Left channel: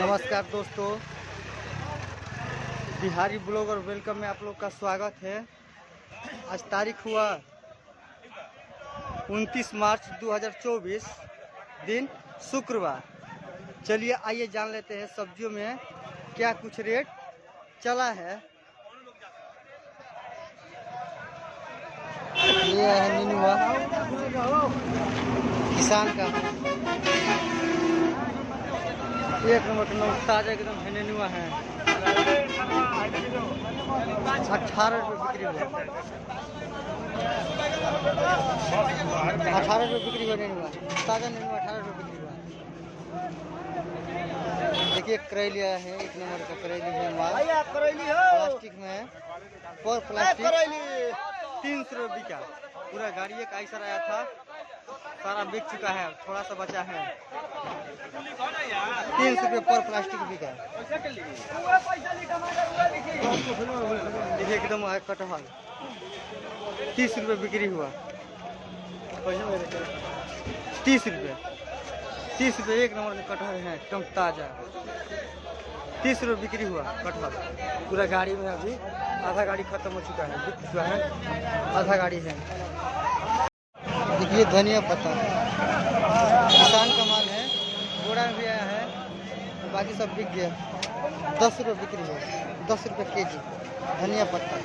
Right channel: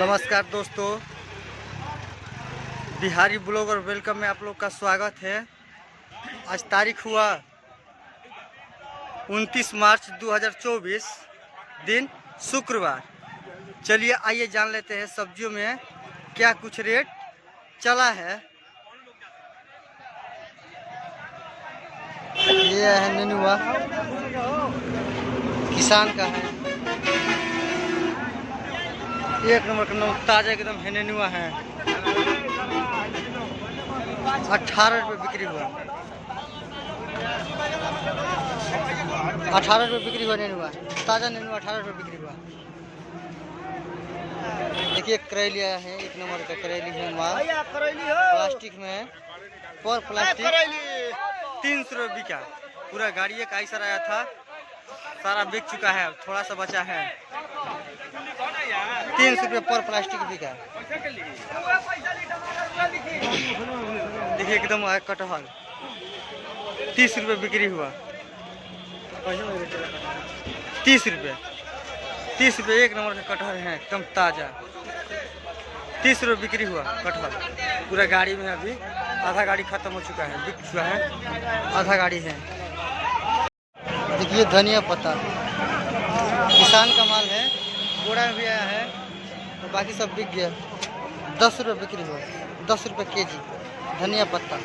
नमस्कार दोस्तों, Bihari blogger welcome में आप लोग का स्वागत है। आज तारीख हुआ 29 मार्च 2024, दिन शुक्रवार। चलिए आइए जान लेते हैं सब्जियों में क्या कुछ रेट चला है। ये है नेनुआ, किसान का है। एक नंबर का ताजा एकदम है नेनुआ है। 18 रुपये बिक्री हुआ। 18 रुपये बिक्री हुआ नेनुआ, ताजा नेनुआ 18 रुपये बिक्री हुआ। देखिए करेली आया है, एक नंबर का करेली है माल, प्लास्टिक में है। पर प्लास्टिक 300 रुपये बिका। पूरा गाड़ी एक आइसर आया था, सारा बिक चुका है, थोड़ा सा बचा है। 300 रुपये पर प्लास्टिक बिका। देखिए एकदम कटहल 30 रुपये बिक्री हुआ। 30 रुपये एक नंबर का कटहल है, एकदम ताजा। 30 रुपये बिक्री हुआ कटहल। पूरा गाड़ी में अभी आधा गाड़ी खत्म हो चुका है, बिक चुका है, आधा गाड़ी है। देखिए धनिया पत्ता किसान का माल है, बोरा में भी आया है और बाकी सब बिक गया। 10 रुपये बिक्री हुआ, 10 रुपये केजी धनिया पत्ता।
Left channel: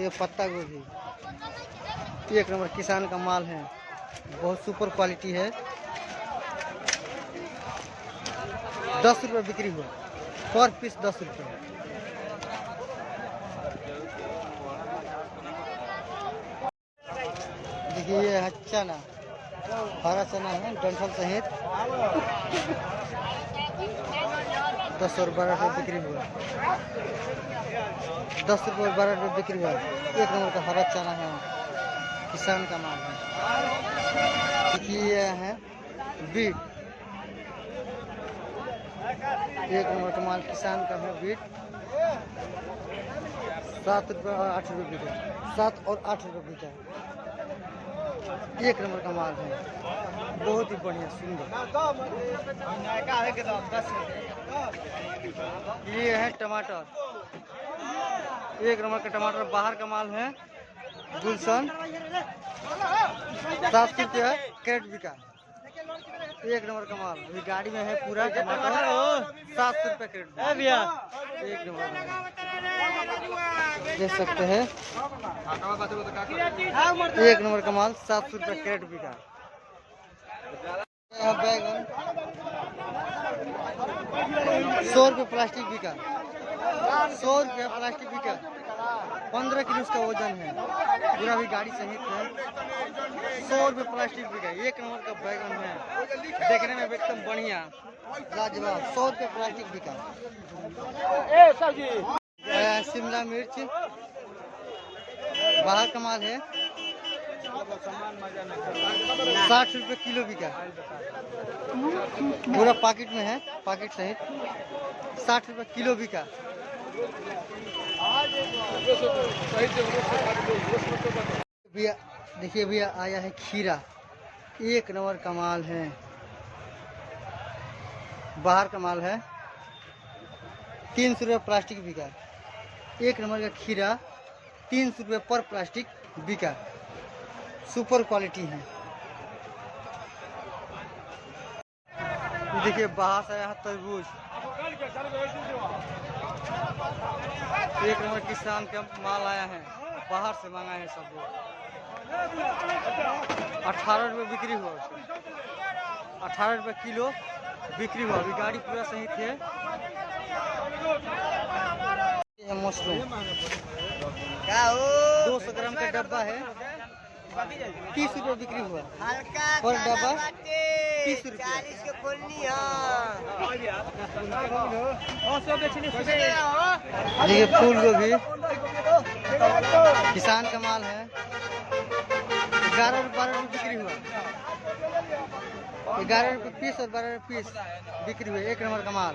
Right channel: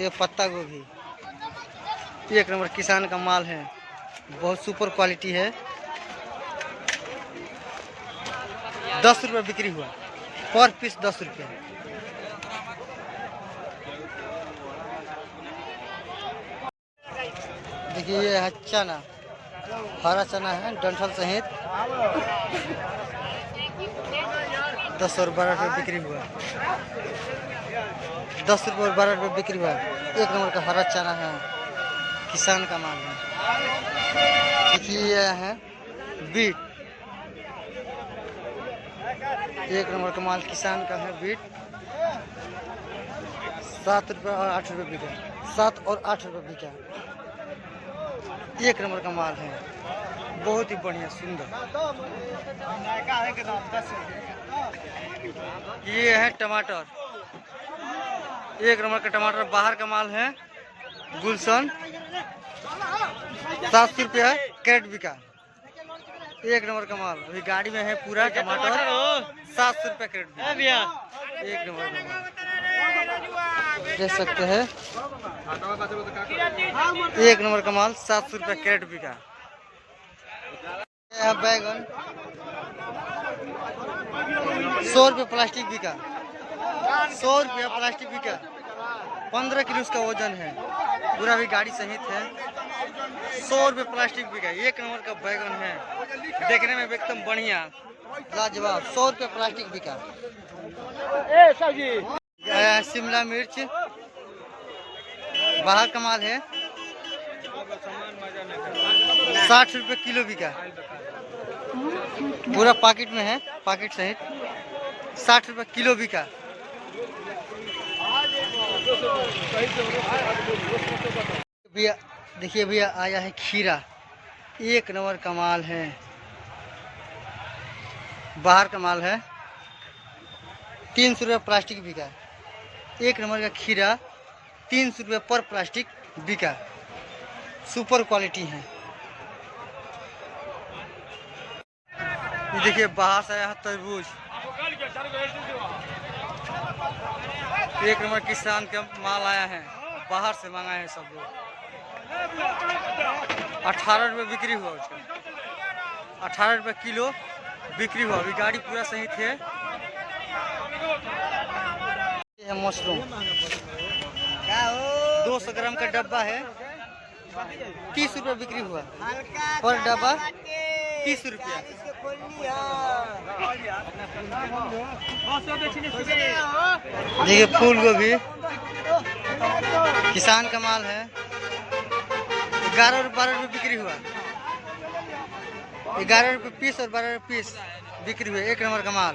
ये पत्ता गोभी एक नंबर किसान का माल है, बहुत सुपर क्वालिटी है। 10 रुपये बिक्री हुआ, पर पीस 10 रुपये। देखिए ये है चना, हरा चना है डंठल सहित। 10 और 12 रुपये बिक्री हुआ। 10 रुपये और 12 रुपये बिक्री हुआ। एक नंबर का हरा चना है, किसान का माल है। देखिए ये है बीट, एक नंबर का माल किसान का है बीट। 7 रुपये और 8 रुपये बिका। 7 और 8 रुपये बिका। एक नंबर का माल है, बहुत ही बढ़िया सुंदर। ये है टमाटर, एक नंबर का टमाटर बाहर का माल है, गुलशन। 700 रुपये कैरेट बिका। एक नंबर का माल अभी गाड़ी में है, पूरा टमाटर 700 रुपये कैरेट बिका। एक नंबर का माल देख सकते हैं, एक नंबर का माल 700 रुपये कैरेट बिका। बैगन 100 रुपये प्लास्टिक बिका। 100 रुपये प्लास्टिक बिका। 15 किलो उसका वजन है, पूरा भी गाड़ी सहित है। 100 रुपये प्लास्टिक बिका। एक नंबर का बैगन है, देखने में एकदम बढ़िया लाजवाब। 100 रुपये प्लास्टिक बिका। शिमला मिर्च बाहर का माल है, 60 रुपये किलो बिका। पूरा पैकेट में है, पैकेट सहित 60 रुपये किलो बिका। भैया देखिए भैया आया है खीरा, एक नंबर का माल है, बाहर का माल है। 300 रुपये प्लास्टिक बिका। एक नंबर का खीरा 300 रुपये पर प्लास्टिक बिका। सुपर क्वालिटी है। ये देखिए बाहर से आया है तरबूज, एक नंबर किसान का माल आया है, बाहर से मंगाए हैं सब लोग। 18 रुपये बिक्री हुआ उसका। 18 रुपये किलो बिक्री हुआ। अभी गाड़ी पूरा सही थे। ये है मशरूम, 200 ग्राम का डब्बा है, 30 रुपये बिक्री हुआ। पर डब्बा 30 रुपये। देखिए फूल गोभी किसान का माल है, 11 और 12 रुपये बिक्री हुआ। 11 रुपये पीस और 12 रुपये पीस बिक्री हुए। एक नंबर का माल।